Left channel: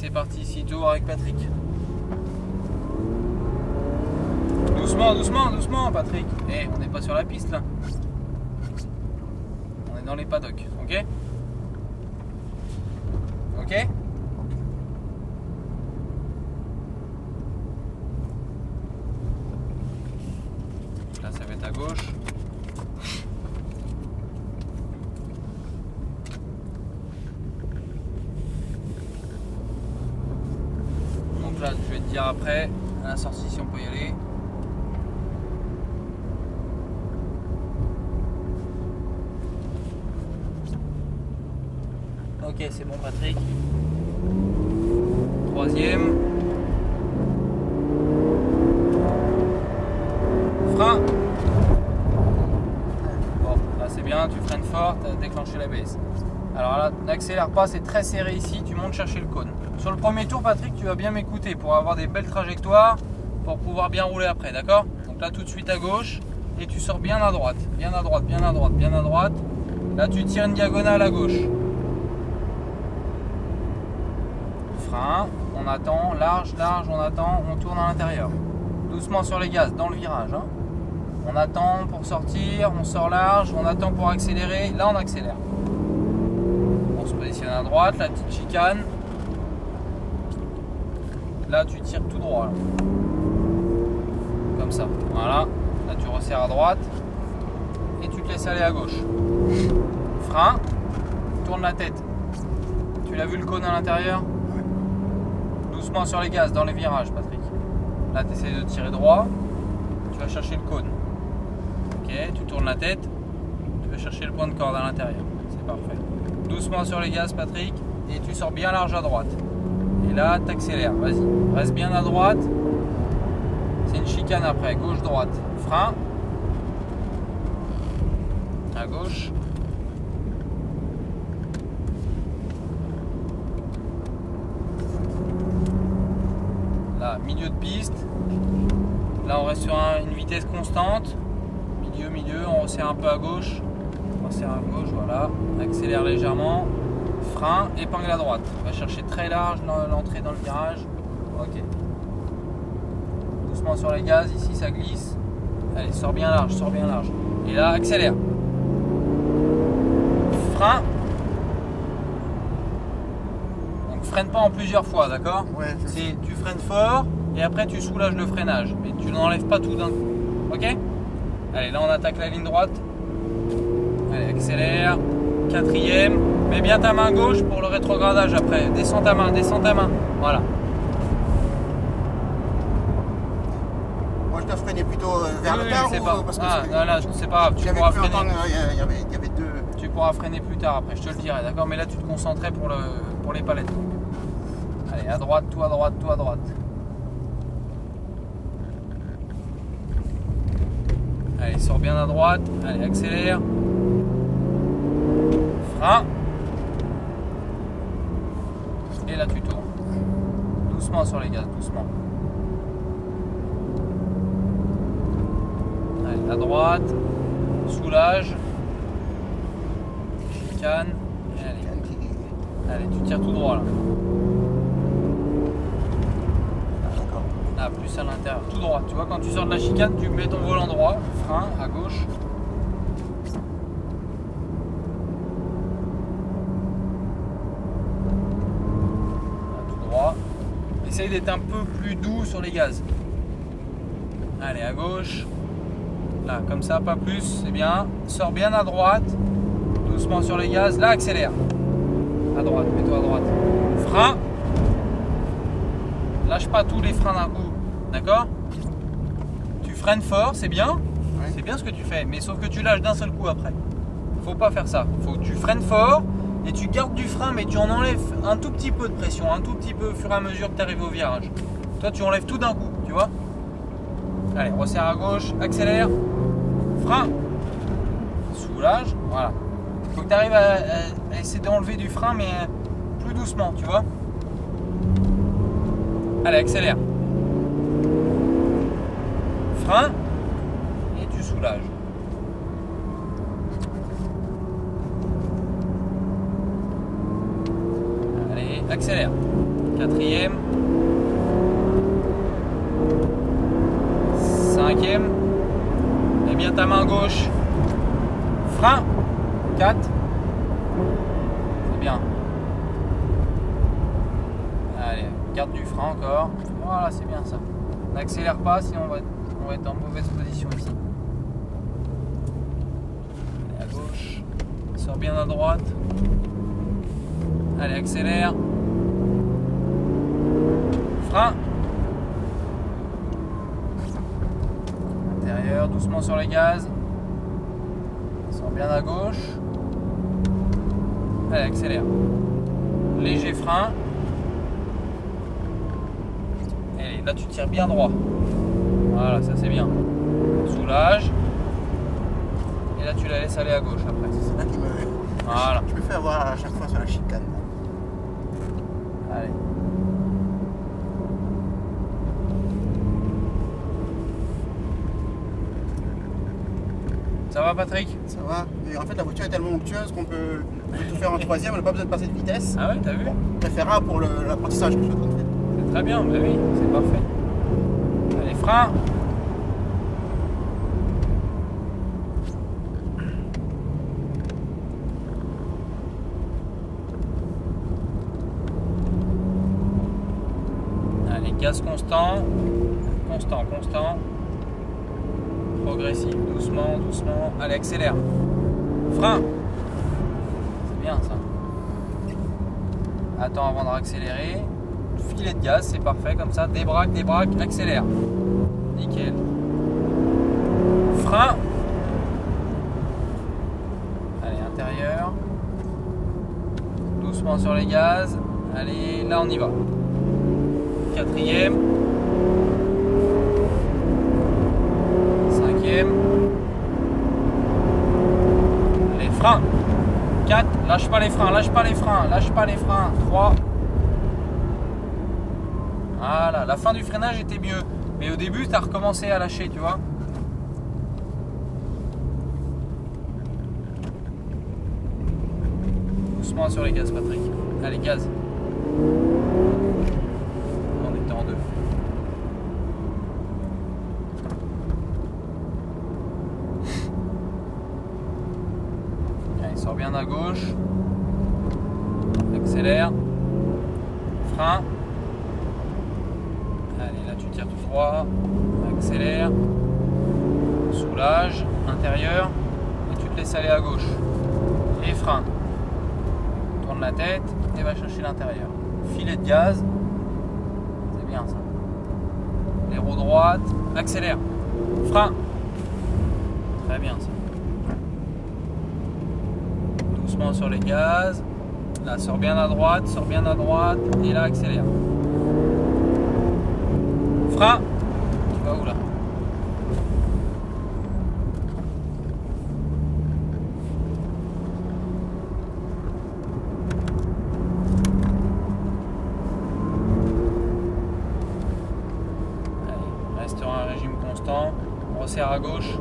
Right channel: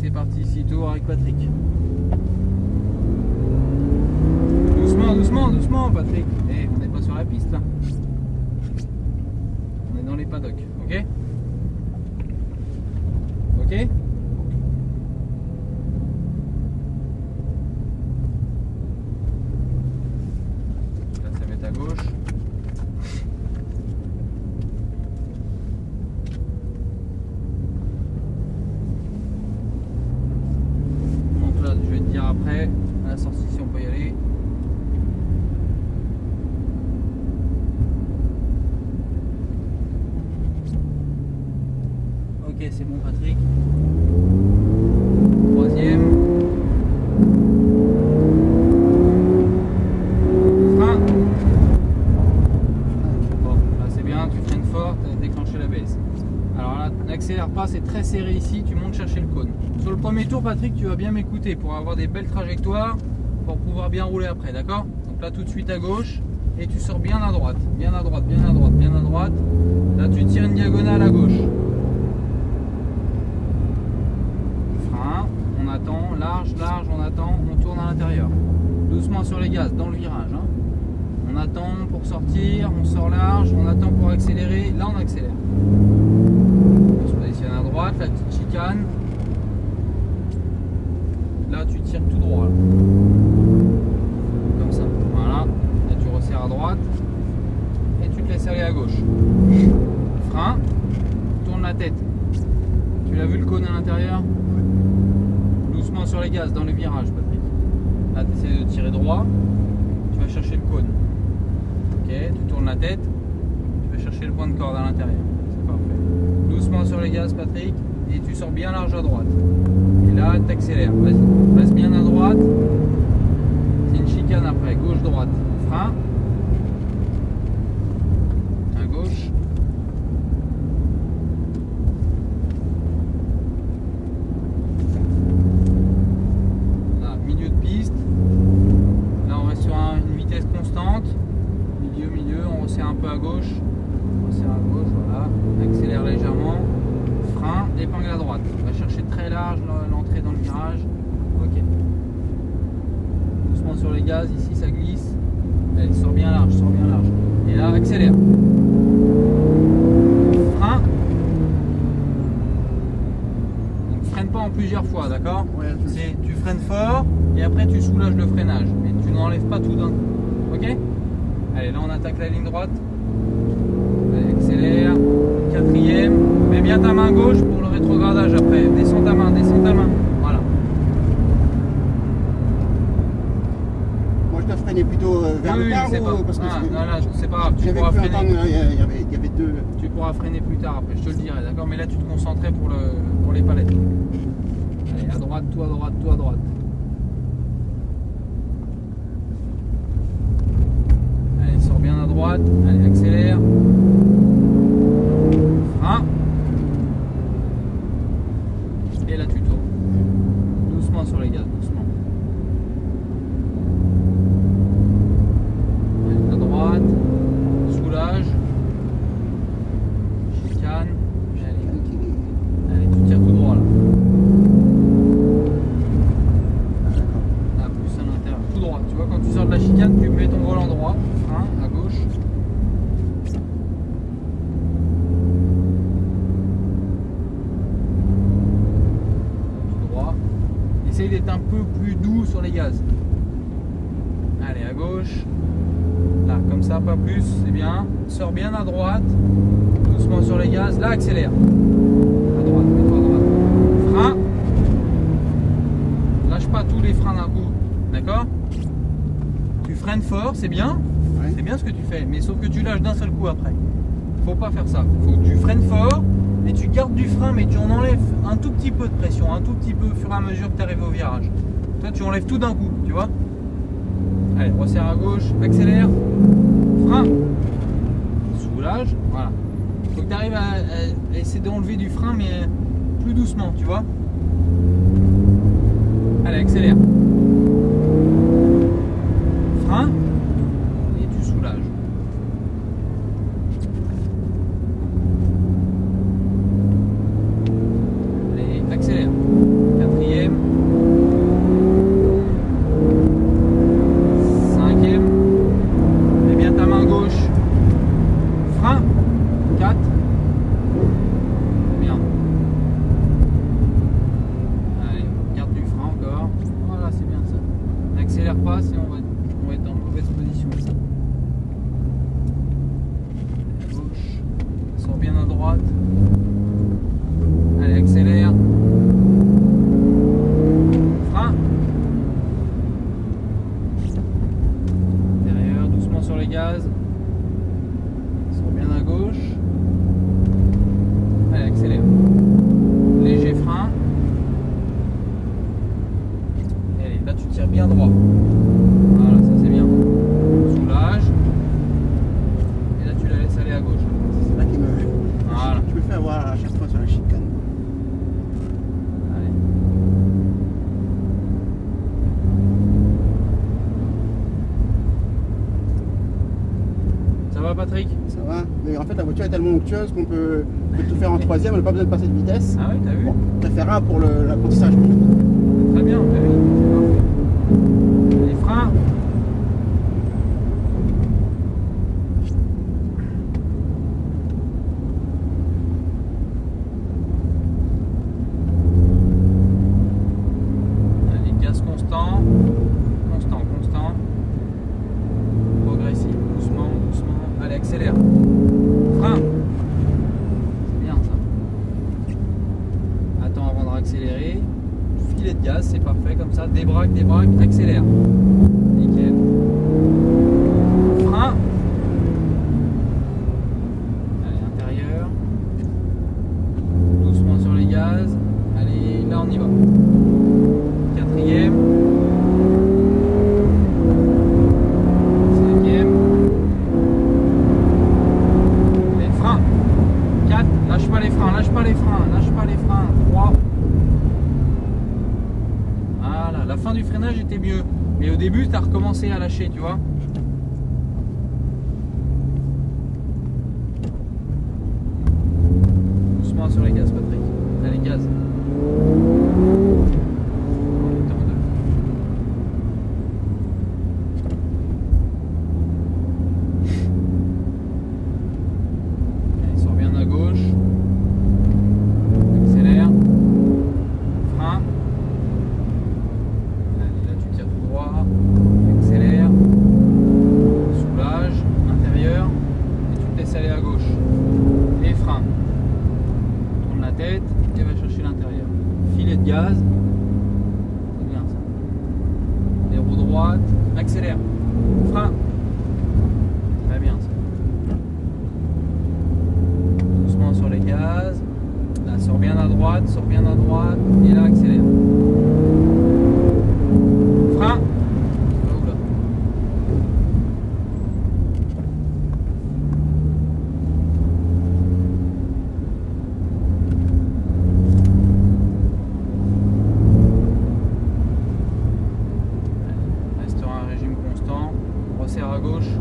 c'est parti, 6 tours avec Patrick. Doucement, doucement, doucement Patrick. Eh, on n'est pas sur la piste là. On est dans les paddocks, ok? Ok? Là ça va être à gauche. Donc là je vais te dire après, à la sortie si on peut y aller. Ok, c'est bon Patrick. Troisième. Frein. Bon, là c'est bien, tu freines fort, tu as déclenché l'ABS. Alors là, n'accélère pas, c'est très serré ici, tu montes chercher le cône. Sur le premier tour Patrick, tu vas bien m'écouter pour avoir des belles trajectoires, pour pouvoir bien rouler après, d'accord? Donc là tout de suite à gauche, et tu sors bien à droite, bien à droite, bien à droite, bien à droite. Là tu tires une diagonale à gauche. Frein, on attend, large, large, on attend, on tourne à l'intérieur. Doucement sur les gaz, dans le virage. Hein. On attend pour sortir, on sort large, on attend pour accélérer, là on accélère. On se positionne à droite, la petite chicane. Là tu tires tout droit. Là. Comme ça, voilà. Là tu resserres à droite et tu te laisses aller à gauche. Frein, tourne la tête. Tu l'as vu le cône à l'intérieur? Doucement sur les gaz, dans les virages, Patrick. Là, tu essaies de tirer droit. Tu vas chercher le cône. Ok, tu tournes la tête. Tu vas chercher le point de corde à l'intérieur. C'est parfait. Doucement sur les gaz, Patrick. Et tu sors bien large à droite. Et là, tu accélères. Vas-y. Reste bien à droite. C'est une chicane après. Gauche-droite. Frein. À gauche. Milieu de piste, là on reste sur une vitesse constante, milieu, on resserre un peu à gauche, voilà, on accélère légèrement, frein, épingle à droite, on va chercher très large l'entrée dans le virage, ok, doucement sur les gaz, ici ça glisse, allez sors bien large, et là accélère, frein. Freine pas en plusieurs fois, d'accord? Ouais, tu freines fort et après tu soulages le freinage, mais tu n'enlèves pas tout d'un coup. Ok? Allez, là on attaque la ligne droite. Allez, accélère. Quatrième. Mets bien ta main gauche pour le rétrogradage après. Descends ta main. Voilà. Moi je dois freiner plutôt vers le tard ou parce que non, c'est pas grave. Tu pourras freiner. Il y avait deux. Tu pourras freiner plus tard après, je te le dirai, d'accord? Mais là tu te concentrais pour les palettes. Donc. Allez, à droite, tout à droite, tout à droite. Allez, sors bien à droite. Allez, accélère. Frein. Et là tu tournes. Doucement sur les gaz, doucement. Allez, à droite. Soulage. Chicane. Allez, tu tires tout droit là. Là, plus à l'intérieur, tout droit. Tu vois, quand tu sors de la chicane, tu mets ton volant droit, frein à gauche. Là, tout droit. Essaye d'être un peu plus doux sur les gaz. Allez, à gauche. Là, comme ça, pas plus, c'est bien. Sors bien à droite. Doucement sur les gaz. Là, accélère. À droite, mets-toi à droite. Frein. Lâche pas tous les freins d'un coup. D'accord? Tu freines fort, c'est bien. Ouais. C'est bien ce que tu fais. Mais sauf que tu lâches d'un seul coup après. Faut pas faire ça. Faut que tu freines fort et tu gardes du frein, mais tu en enlèves un tout petit peu de pression. Un tout petit peu au fur et à mesure que tu arrives au virage. Toi, tu enlèves tout d'un coup. Tu vois? Allez, resserre à gauche. Accélère. Frein. Soulage. Voilà. Faut que tu arrives à essayer d'enlever du frein, mais plus doucement, tu vois. Allez, accélère. Frein. Et tu soulages. Allez, accélère. Quatrième. Cinquième. Mets bien ta main gauche. Frein. 4. C'est bien. Allez, garde du frein encore. Voilà, c'est bien ça. N'accélère pas, sinon on va être en mauvaise position ici. Allez, à gauche. Sors bien à droite. Allez, accélère. Frein. Intérieur, doucement sur les gaz. Sors bien à gauche. Allez, accélère. Léger frein. Allez, là tu tires bien droit. Voilà, ça c'est bien. Soulage. Et là tu la laisses aller à gauche après. C'est là qui me... Voilà. Je me fais avoir à chaque fois sur la chicane. Allez. Ça va Patrick? Ça va, mais en fait la voiture est tellement onctueuse qu'on peut tout faire en troisième, on n'a pas besoin de passer de vitesse. Ah ouais, t'as vu? Bon, préférable pour l'apprentissage. C'est très bien, bah oui, c'est parfait. Allez, frein. Allez, gaz constant. Constant. Progressif, doucement. Allez, accélère. Frein. C'est bien ça. Attends avant de réaccélérer. Filet de gaz, c'est parfait comme ça. Débraque, accélère. Nickel. Frein. Allez, intérieur. Doucement sur les gaz. Allez, là on y va. Quatrième. Cinquième. Les freins. 4. Lâche pas les freins. 3. Voilà, la fin du freinage était mieux. Mais au début, tu as recommencé à lâcher, tu vois. Doucement sur les gaz, Patrick. Allez, gaz. On était en 2. Allez, sors bien à gauche. Accélère. Frein. Tout droit, accélère, soulage, intérieur, et tu te laisses aller à gauche. Et frein. Tourne la tête et va chercher l'intérieur. Filet de gaz, c'est bien ça. Les roues droites, accélère, frein. Très bien ça. Doucement sur les gaz. Là, sors bien à droite, et là, accélère. Frein. Tu vas où là? Allez, reste sur un régime constant. On resserre à gauche.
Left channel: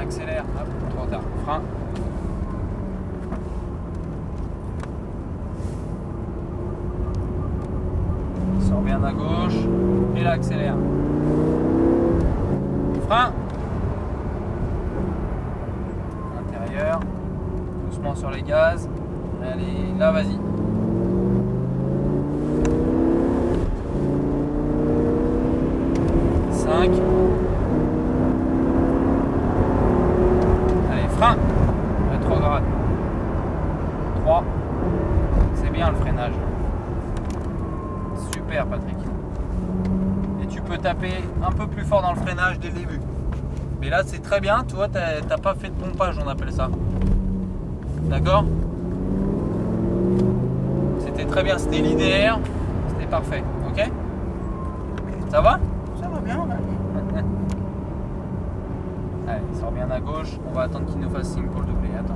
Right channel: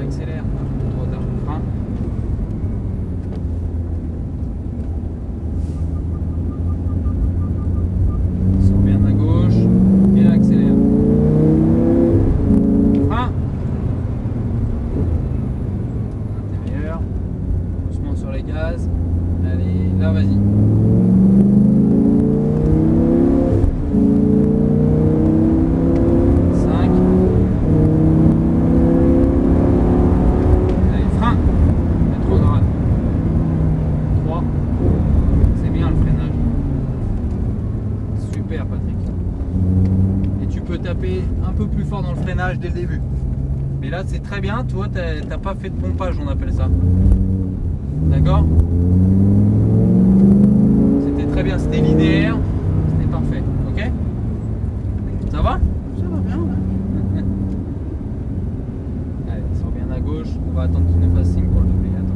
Accélère. Hop, trop tard. Frein. Sors bien à gauche et là accélère. Frein. Intérieur. Doucement sur les gaz. Allez, là vas-y. Allez, frein. Rétrograde. 3. C'est bien le freinage. Super Patrick. Et tu peux taper un peu plus fort dans le freinage dès le début. Mais là c'est très bien, tu vois, t'as pas fait de pompage, on appelle ça. D'accord? C'était très bien, c'était linéaire, c'était parfait, ok? Ça va? Ça va bien, là. Allez, sors bien à gauche, on va attendre qu'il nous fasse signe pour le doubler, attends.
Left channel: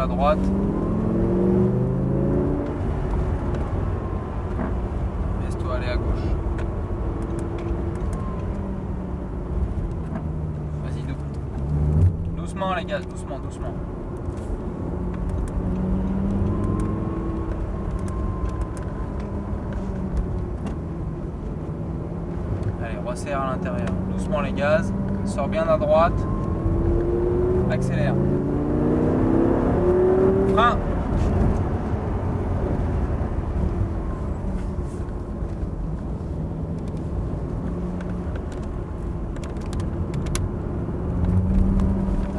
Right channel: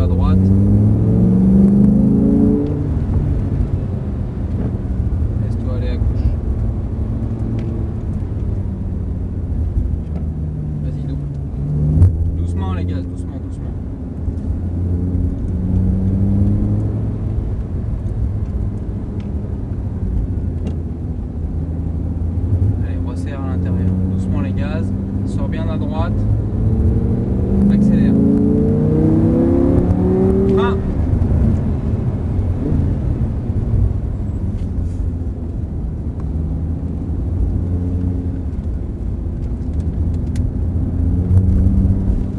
À droite. Laisse-toi aller à gauche. doucement les gaz, doucement, doucement. Allez, resserre à l'intérieur. Doucement les gaz. Sors bien à droite. Accélère. Frein.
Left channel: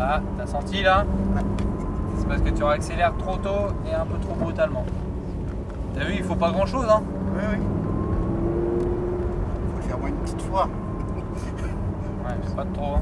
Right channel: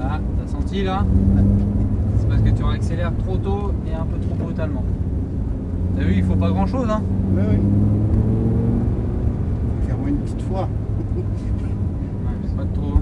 Ah, t'as senti là? C'est parce que tu accélères trop tôt et un peu trop brutalement. T'as vu, il faut pas grand chose, hein? Oui, oui. Faut faire moins une petite fois. Ouais, c'est pas de trop.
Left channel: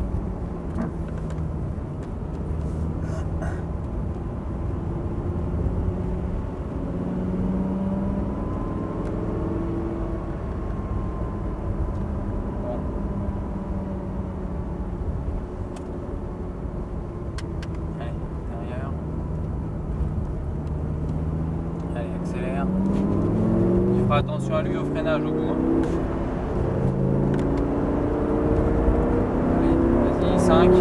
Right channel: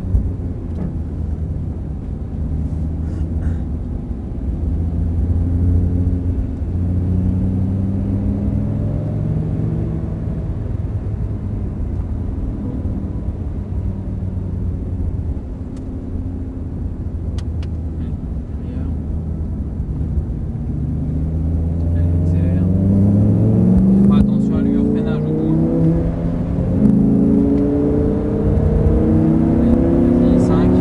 Attention à lui au freinage au bout. Allez, vas-y, 5.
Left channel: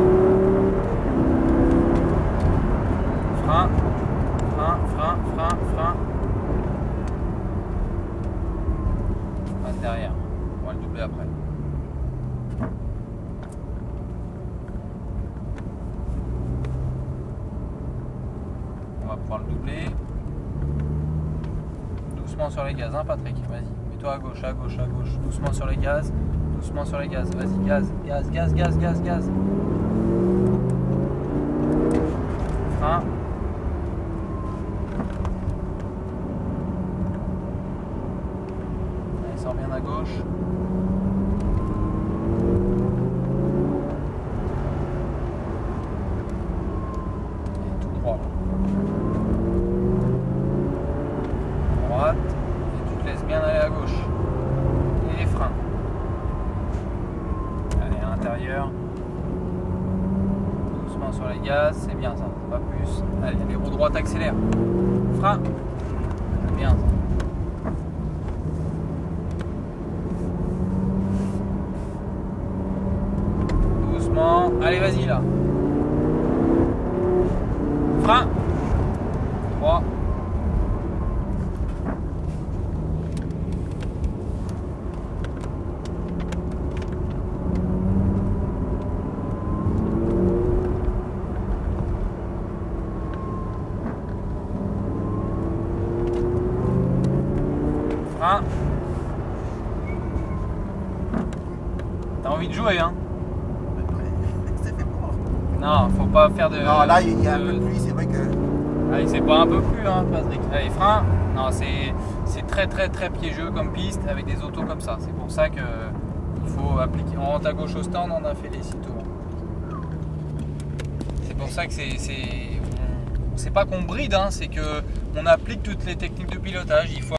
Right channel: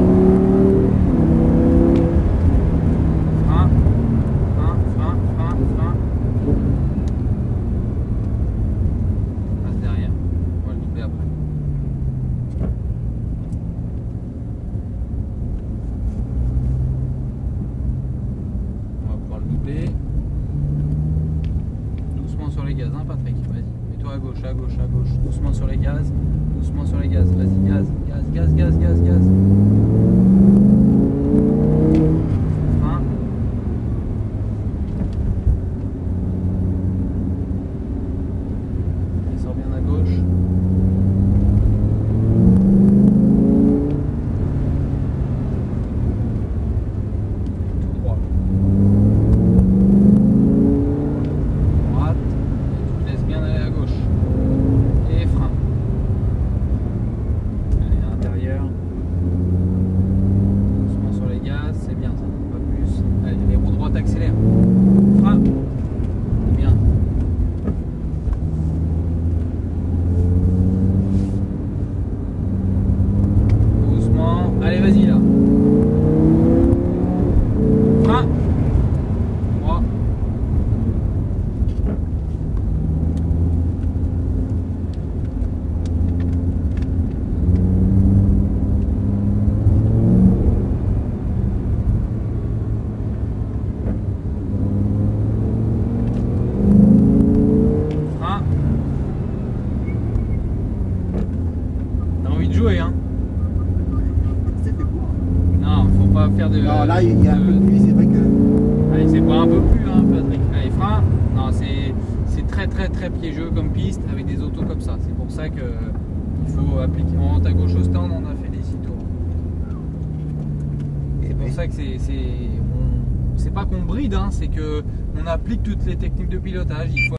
Frein. Frein, frein, frein, frein. Passe derrière. On va le doubler après. On va pouvoir le doubler. Doucement sur les gaz, hein Patrick, vas-y, mets-toi à gauche, à gauche, à gauche, doucement sur les gaz, doucement sur les gaz, vas-y, gaz, gaz, gaz, gaz, gaz, gaz. Frein. Allez, sors bien à gauche. Et tout droit. Bien aller à gauche et frein. Allez, à l'intérieur, doucement sur les gaz, c'est bien ça, pas plus. Allez, les roues droites accélèrent, frein, c'est bien ça. Doucement, allez vas-y là, frein, 3. T'as envie de jouer, hein? Ça fait beau. Non, faut pas faire de... Non, là, il y a un peu de pluie, c'est vrai que... Allez, c'est pas un peu plus, hein, Patrick. Allez, frein. Non, c'est très très très piégeux comme piste avec des autos comme ça. C'est pour ça que il faut appliquer... En haut à gauche au stand, on a fait les 6 tours. C'est pour ça que c'est pas qu'on bride, hein, c'est que on applique toutes les techniques de pilotage. Il faut